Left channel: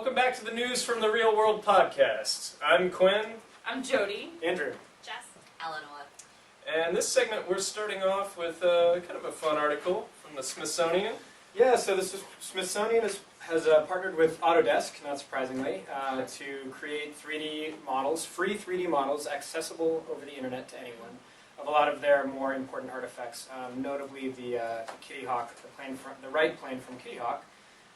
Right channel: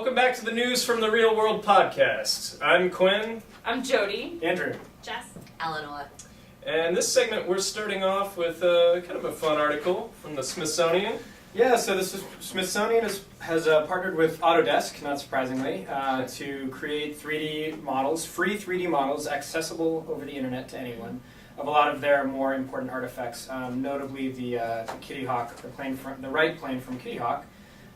Welcome back to the News from the Real World podcast. I'm Quinn. I'm Jody. Andrew. Jess. Eleanor. And this segment we're starting off with kind of a fun article from the Smithsonian. Yeah, so Smithsonian has partnered with Autodesk, not surprisingly, to create 3D models, free 3D models accessible over the internet to anyone, of a lot of their more important artifacts, notably the Kitty Hawk, the right plane from Kitty Hawk,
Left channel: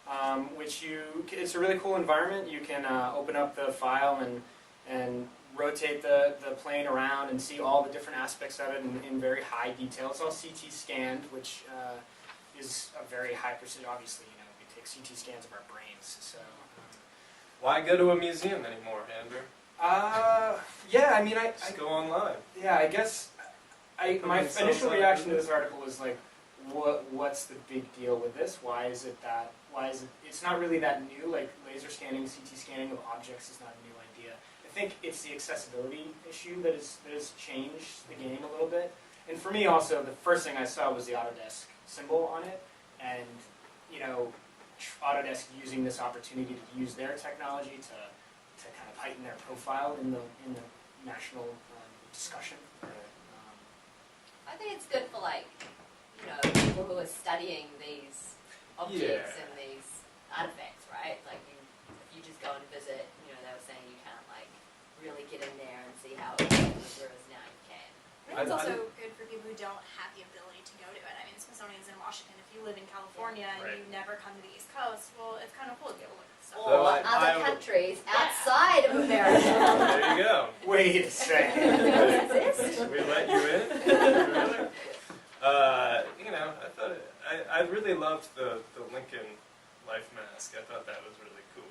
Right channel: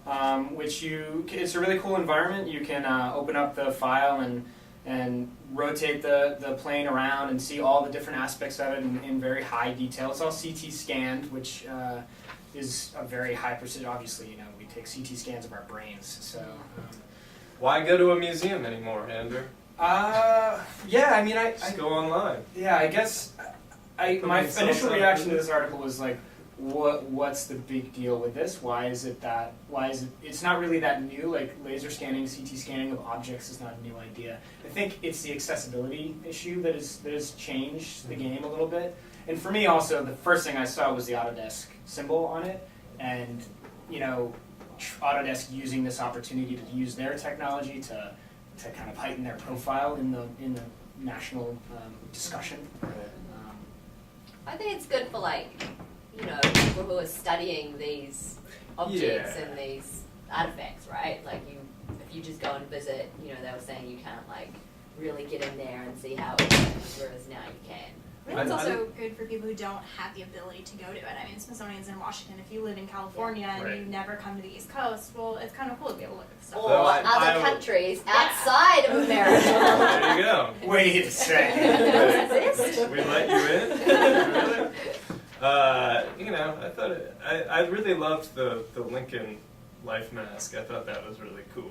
it's a really cool environment. You can open up the file and rotate the plane around and see all the different aspects of it in very high detail. It's all CT scanned, which is a very high precision. Obviously, we take CT scans of our brains. So, Why go to a museum anymore, Andrew? yeah, I mean, Just go online. Yeah, I guess my initial reaction to this article was like, what's the big deal with this? Why is it it's not really that new, like laser scanning, CT scanning of objects is not a new idea. I think it's the accessibility issue that has changed the game a little bit. And for me also, the first thing I saw was the Autodesk symbol on it, and Autodesk using this opportunity to use their technology to kind of heighten their profile in the national discussion. I think it's good for people who are studying these objects and these artifacts, right? Like if you just go and visit, they were saying you can't really get in there and see how it works, whereas now you can. I think it's also good for people who don't have the ability to go to it. I mean, Smithsonian's in Washington. If you live in California and you never come to the East Coast, well, it's kind of cool to be able to look at the stuff. Or other countries outside of America. There you go. Wait a second. We let you in? I thought I really loved the Lincoln life mask. I thought that was really cool.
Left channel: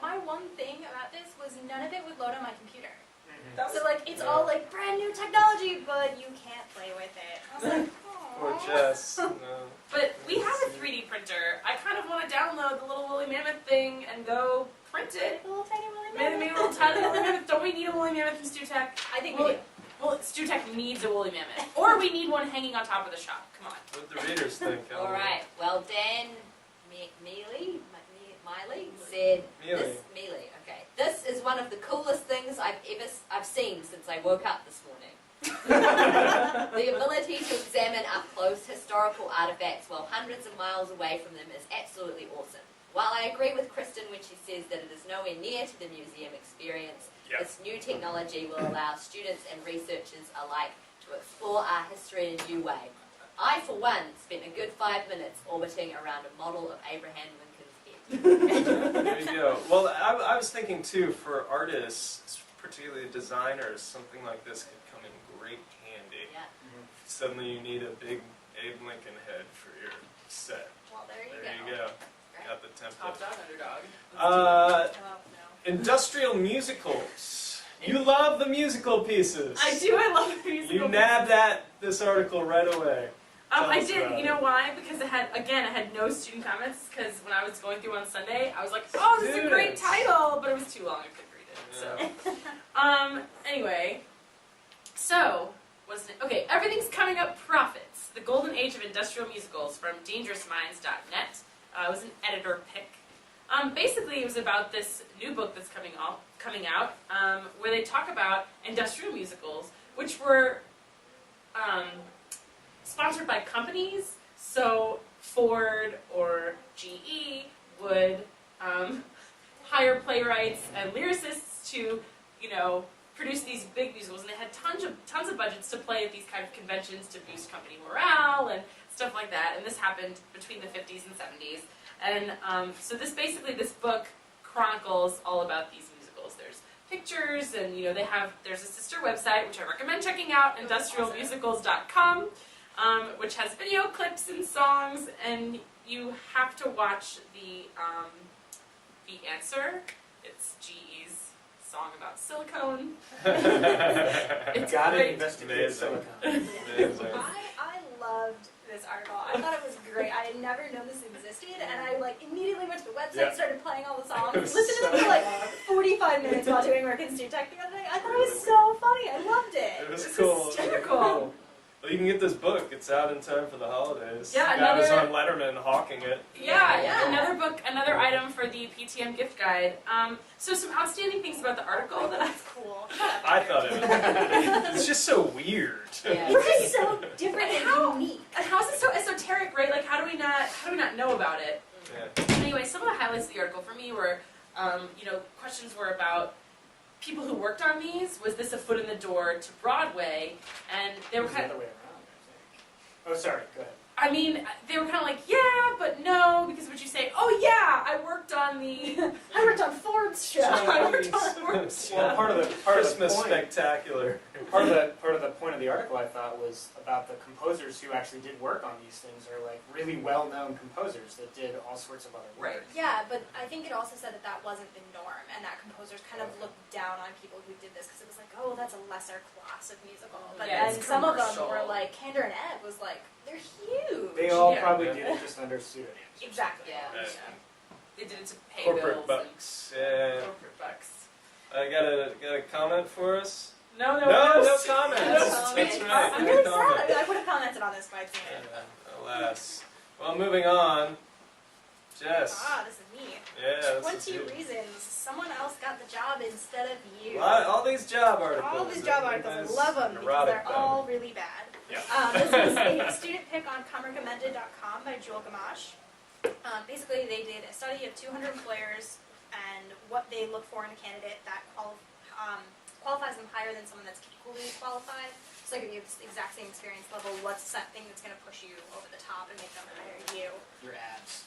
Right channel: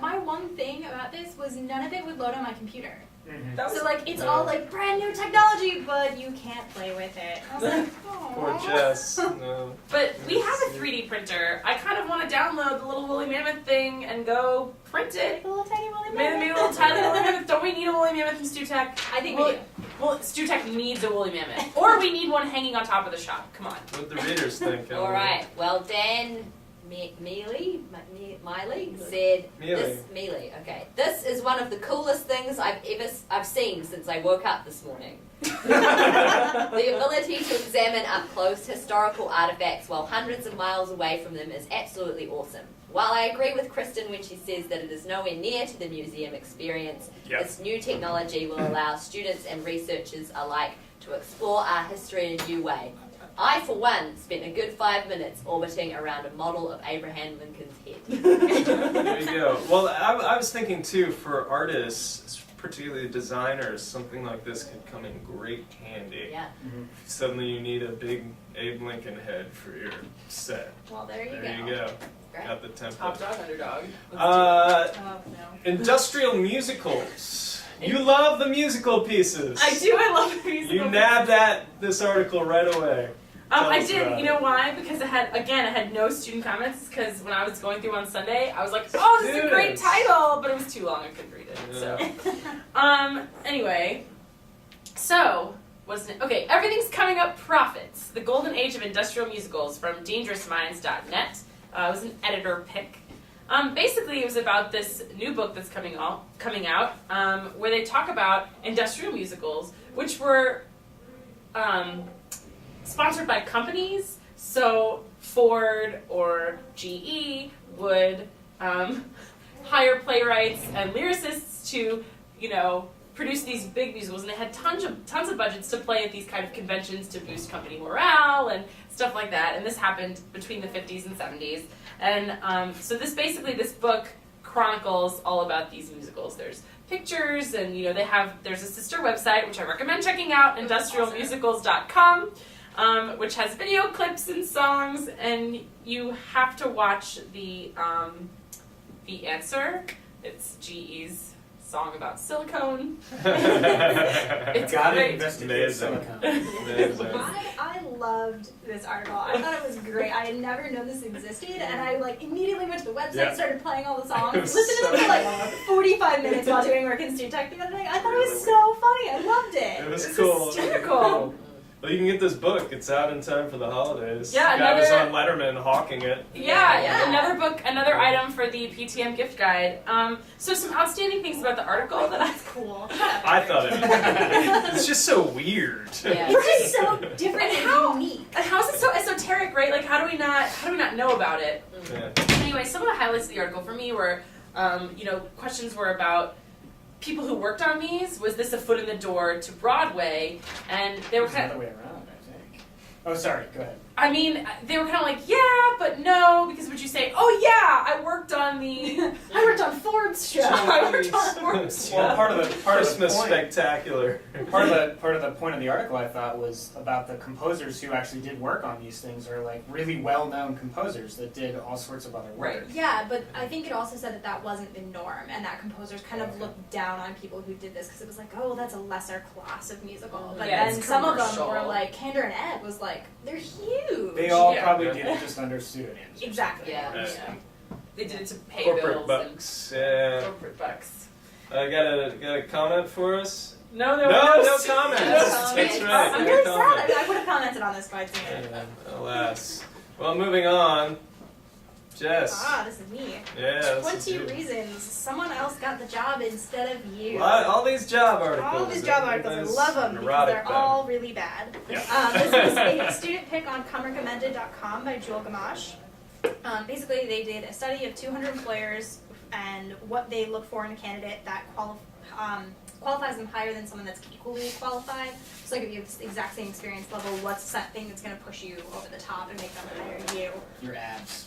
My one thing about this was none of it would load on my computer. Mm-hmm. So it's all brand new technology, but you can't play with it. I was like, oh. Poor Jess. No. But we have a 3D printer. I kind of want to download the little woolly mammoth thing and go print it. A little tiny woolly Maybe mammoth. a little tiny woolly mammoth. Don't we need a woolly mammoth in StuTech? I think we do. Well, StuTech needs a woolly mammoth. Or we need one hanging on top of the shop. Come on. What the readers think. All right. Well, Dan Miley said Mealy. Okay, this is one of the coolest things I've seen since I woke up this morning. The ability to examine up close historical artifacts while hundreds of miles away from them is absolutely awesome. While I agree with Kristen when she says that it is nowhere near to the museum experience, this new technology will allow students and researchers alike to explore our history in a new way. I, for one, spent a good 5 minutes orbiting around a model of Abraham Lincoln's head. There you go. Well, I was thinking too, for artists, particularly designers, something like this could come in great handy. Yeah. Mm-hmm. Suddenly you need a big Abe Lincoln head for your set. Well, there you go. Great. Got the template. Top dog, underdog. No. Industrial musicals. You love the musical pieces. I do. I love the musical. You nabbed at this article right away. I did. You know why? Because I had no student comments. Because when I was going through on Sunday, I was like, "Oh, this is a great title," but it was too long. I couldn't read it. Yeah. So, anyway, so wasn't it? Okay, everything's coming up. Profits: The Golden Age of Industrial Musicals from DangerousMinds.net. It was an editor pick. Basically, it was about this new book that's coming out, where they talk about industrial musicals, which were sponsored by companies. So Ford or GE would hire playwrights and lyricists to, produce these big musicals, and they had tons of budgets to play at these kind of conventions to boost company morale and stuff like that. And this happened between the 50s and 70s. And so this book chronicles all about these musicals. There's pictures, and there's a sister website which I recommend checking out, industrialmusicals.com, which has video clips and songs, and you have to watch the answer. It's GE's song about silicone. It's Gotta investigate silicone. I loved this article. I thought it was great. I had never known this existed, and I immediately went to the website, started playing all the songs, listened to them for 45 minutes while doing work in StuTech the other day. I thought it was so funny. I loved it. It was cool. Hysterical. Well, you can get this book. It's out in time for the holidays. Yeah, the guy was another- on Letterman hawking it. Yeah, another book, another item for the PTM gift guide. So some outstanding things about the article that That's cool. I thought it was. It's just so weird. Yeah. It's just so different and How- unique. And how is it so esoteric, right? Like, how do we not know about it? Yeah. Anyway, some of the highlights of the article for me were, questions were about people who worked on these. Was this a foot in the door to Broadway? And they were It's the kind other of, way around, I think. Oh, sorry. Go ahead. I mean, they were kind of like, yeah, but no, because would you say, oh yeah, I worked on the, I worked on Forbes show. I worked on Forbes Well, show. part of the Christmas point, spectacular. part of the point of the article I thought was about the composers who actually did work on these things are like really well-known composers that did all sorts of other work. Right. Yeah, but I think it also said that that wasn't the norm, and that composers kind of looked down on people who did this because it was like, oh, well, that's a lesser class of musical. But Yeah, then it's some of them commercial. were like, Candor and Ebb was like, they're huge. They all Yeah. probably Yeah. did it just under pseudonyms. Exactly. Yeah. Right. Yeah. They did it to pay Corporate bills bucks. and Yeah. corporate bucks. I got a comment for us. No No comments. comments. That's right. I'm no really sad. comments. I would have commented on this if I'd seen it. Alas. Well, moving on. Jess. Ah, this is me. Yeah. this is 20 you. reasons someone else got the job instead of you. All these job articles. All these job articles, I Everybody's love them because neurotic they're about all really bad. Yeah. This was a student pick on ComeRecommended.com by Jewel Gamache. Basically, they did a study of 200 employers and what they look for in a candidate that qualifies them higher than someone that's equally qualified. So, like, if you have the exact same experience level, what's that thing that's going to push you over the top and make them hire you? Your abs.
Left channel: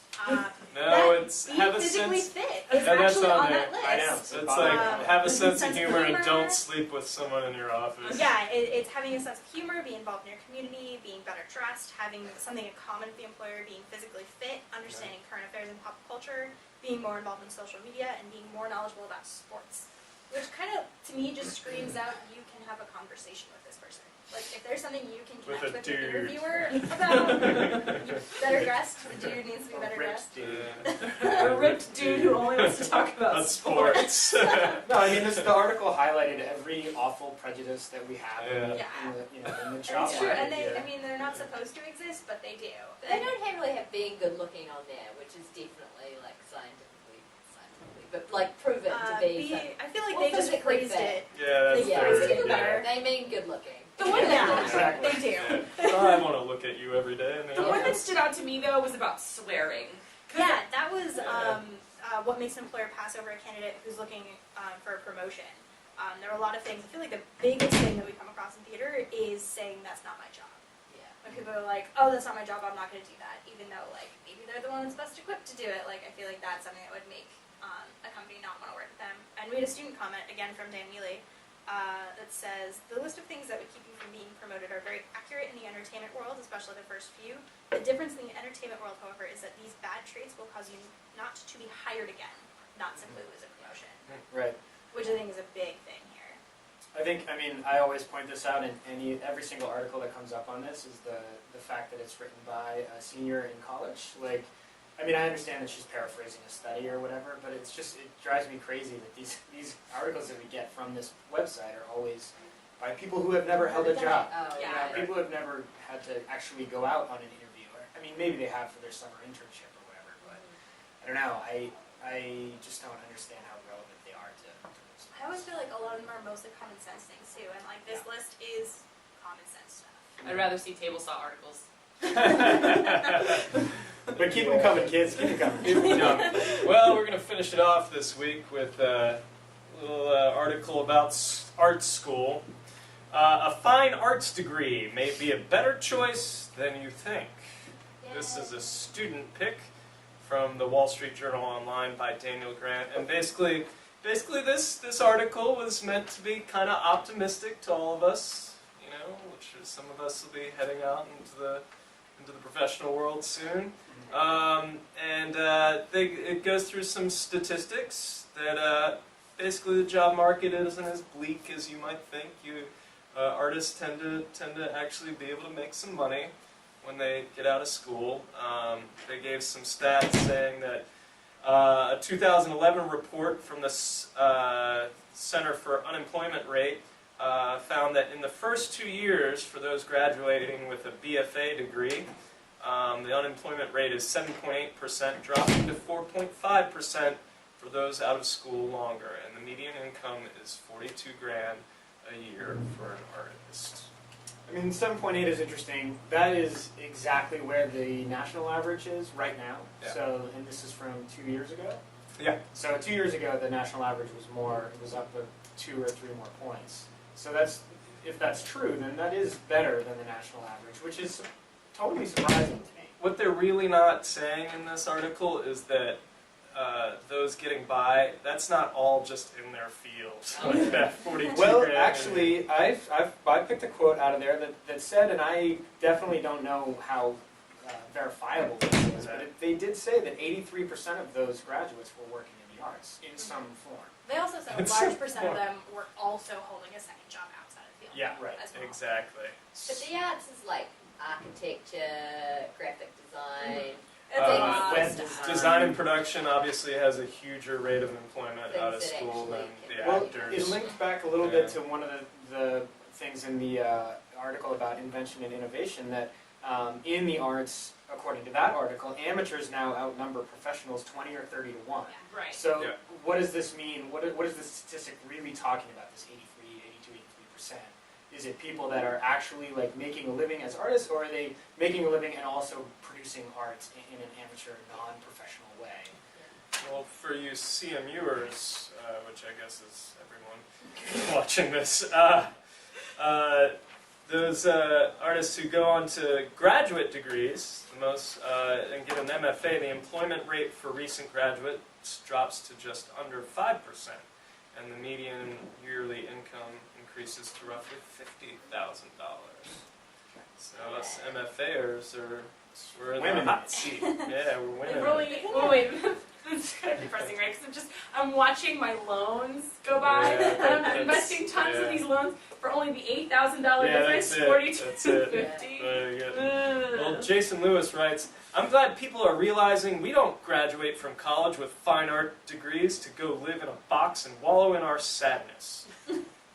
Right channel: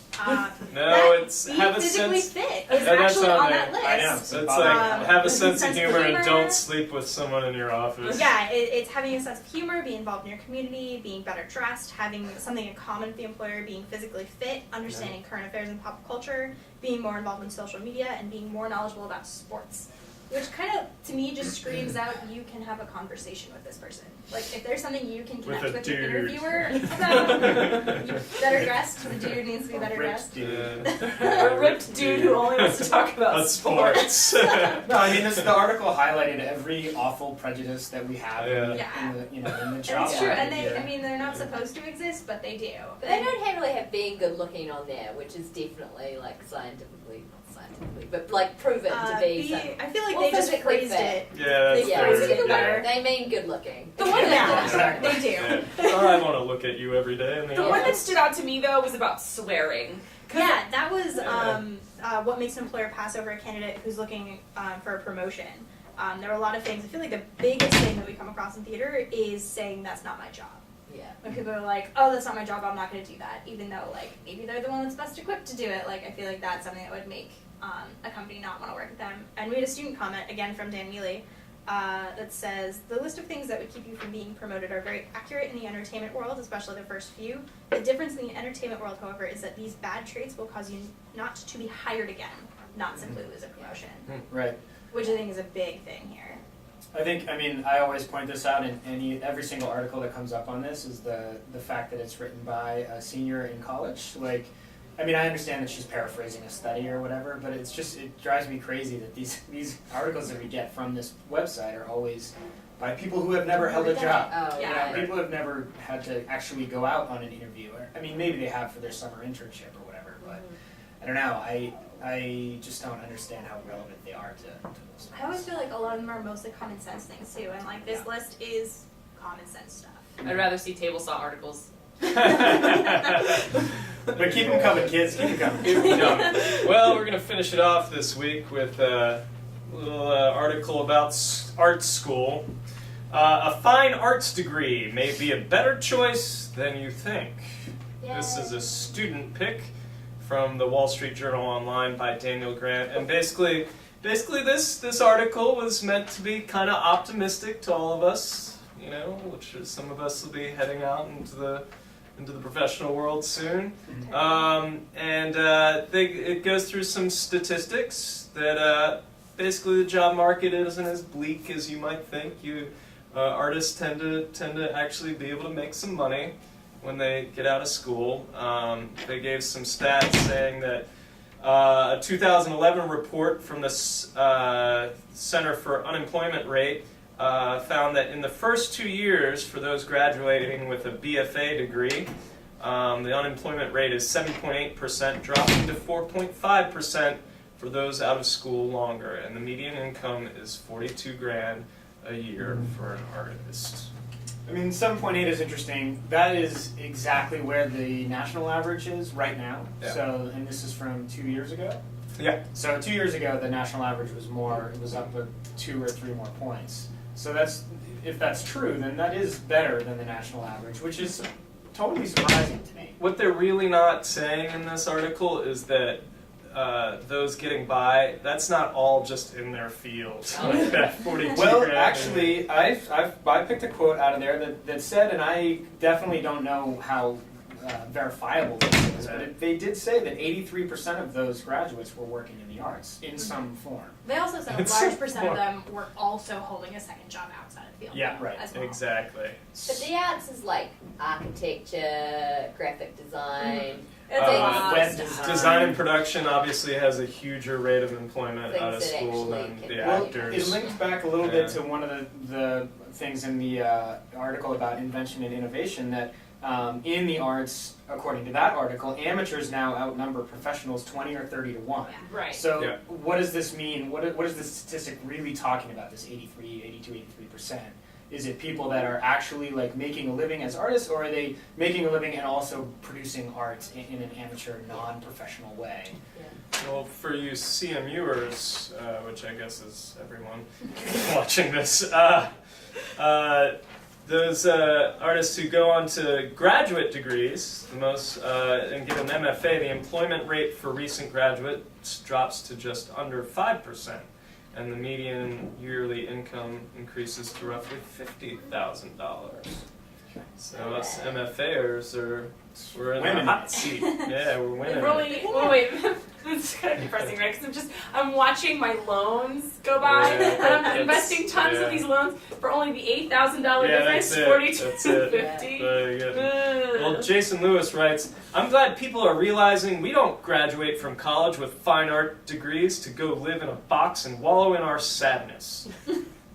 No, that it's be have a physically sense. fit Yeah, is that's actually on on there. that list. I know. So it's like have a sense of humor and humor. don't sleep with someone in your office. Yeah, it's having a sense of humor, being involved in your community, being better dressed, having something in common with the employer, being physically fit, understanding current affairs and pop culture, being more involved in social media, and being more knowledgeable about sports. Which kind of, to me, just screams out you can have a conversation with this person. Like, if there's something you can connect a with dude. the interviewer about, better dressed, the dude needs to be better Ripped dressed. dude. A ripped dude who only wants to talk about That's sports. No, I mean the article highlighted every awful prejudice that we have in the, Yeah. in the, in the And job it's true, market. and they, Yeah. I mean, they're not supposed to exist, but they do. But they don't really have being good looking on there, which is definitely like scientifically, but like proven to be. I feel like Well, they just physically phrased fit. it. Yeah, that's They Yeah, phrased very it good. better. they mean good looking. The one Yeah, that Exactly. they do. Yeah. I want to look at you every day. I mean, the one that stood out to me though was about swearing. 'Cause Yeah, that was Yeah. what makes an employer pass over a candidate who's looking for a promotion. There are a lot of things. I feel like the biggest thing that we come across in theater is saying that's not my job. Yeah. When people are like, oh, that's not my job, I'm not going to do that, even though like maybe they're the one that's best equipped to do it. Like I feel like that's something that would make a company not want to work with them. And we had a student comment again from Dan Neely that says the list of things that would keep you from being promoted are very accurate in the entertainment world, especially the first few. The difference in the entertainment world, however, is that these bad traits will cause you not to be hired again, not simply lose a promotion, Right. which I think is a big thing here. I mean, I always point this out in every single article that comes up on this is the fact that it's written by a senior in college. Like, I mean, I understand that she's paraphrasing a study or whatever, but it's just, it drives me crazy that these articles that we get from this website are always by people who have never held a job. Oh, Yeah. yeah. You know, people have never had to actually go out on an interview. Or, I mean, maybe they have for their summer internship or whatever, but I don't know. I just don't understand how relevant they are to those I always things. feel like a lot of them are mostly common sense things too, and like this list is common sense stuff. I'd rather see table saw articles. But keep them coming, kids. Keep them coming. Keep it coming. Well, we're going to finish it off this week with a little article about art school. A fine arts degree may be a better choice than you think. This is a student pick from the Wall Street Journal Online by Daniel Grant, and basically this article was meant to be kind of optimistic to all of us, you know, which is some of us will be heading out into the professional world soon. It goes through some statistics that basically the job market isn't as bleak as you might think. Artists tend to actually be able to make some money when they get out of school. They gave some stats saying that a 2011 report from the Center for Unemployment Rate found that in the first 2 years for those graduating with a BFA degree, the unemployment rate is 7.8%, dropping to 4.5% for those out of school longer, and the median income is $42,000 a year for an artist. I mean, 7.8 is interesting. That is exactly where the national average is right now. Yeah. So, and this is from 2 years ago. Yeah. So 2 years ago, the national average was more. It was up 2 or 3 more points. So that's, if that's true, then that is better than the national average, which is totally surprising to me. What they're really not saying in this article is that those getting by, that's not all just in their field. Like that 42 Well, grand. actually, I picked a quote out of there that said, and I definitely don't know how verifiable this is, but they did say that 83% of those graduates were working in the arts in some form. They also said a It's large so percent of fun. them were also holding a second job outside of the field. Yeah, right. As well. Exactly. But the arts is like architecture, graphic design. It's a lot of web stuff. Design and production obviously has a huger rate of employment Things out of that school than actually the can- Well, actors. it linked back a little Yeah. bit to one of the things in the article about invention and innovation that in the arts, according to that article, amateurs now outnumber professionals 20 or 30 to 1. Right. So Yeah. what does this mean? What is this statistic really talking about, this 83, 82, 83%? Is it people that are actually like making a living as artists, or are they making a living and also producing art in an amateur, non-professional way? Well, for you CMUers, which I guess is everyone watching this, those artists who go on to graduate degrees, the most, and get an MFA, the employment rate for recent graduates drops to just under 5%, and the median yearly income increases to roughly $50,000. So us MFAers we're in the Winning. hot seat. Yeah, we're winning. We're only, oh wait, that's kind of depressing, right? Because I'm watching my loans go by, Yeah, and I'm that's- investing tons yeah. of these loans for only the $8,000 Yeah, difference, that's it. That's it. $42.50. Very good. Well, Jason Lewis writes, I'm glad people are realizing we don't graduate from college with fine art degrees to go live in a box and wallow in our sadness.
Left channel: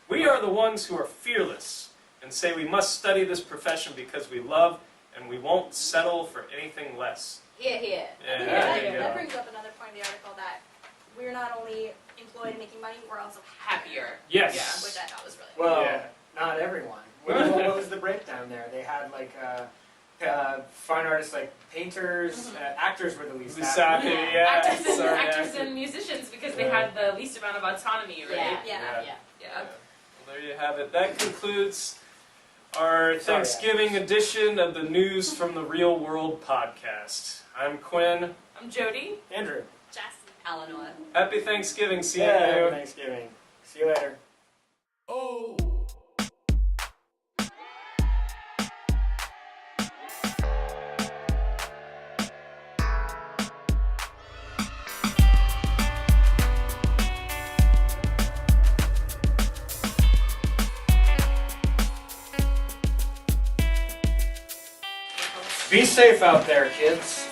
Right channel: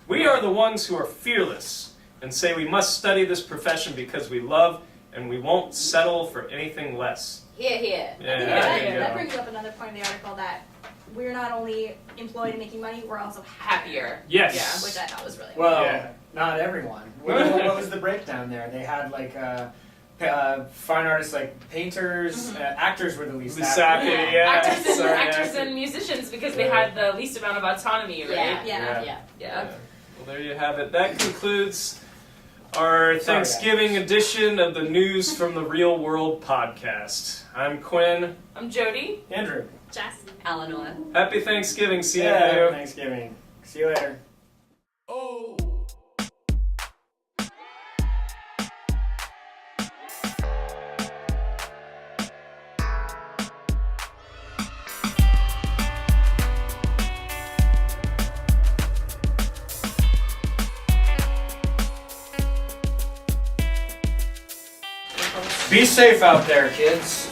We are the ones who are fearless and say we must study this profession because we love and we won't settle for anything less. Here, here. Yeah, I think there that, you that go. brings up another point in the article that we're not only employed and making money, we're also Happier. Yes. which I thought was really Well, Yeah. not everyone. What was the breakdown there? They had like fine artists, like painters, actors were the least Exactly, happy. yeah. Actors, Sorry, actors actor. and musicians because they Yeah. had the least amount of autonomy, right? Yeah, Yeah. yeah. Yeah. Well, there you have it. That concludes our Thanksgiving edition of the News from the Real World podcast. I'm Quinn. I'm Jody. Andrew. Jess. Eleanor. Happy Thanksgiving. See you. Yeah, Thanksgiving. See you later. Oh. Be safe out there, kids.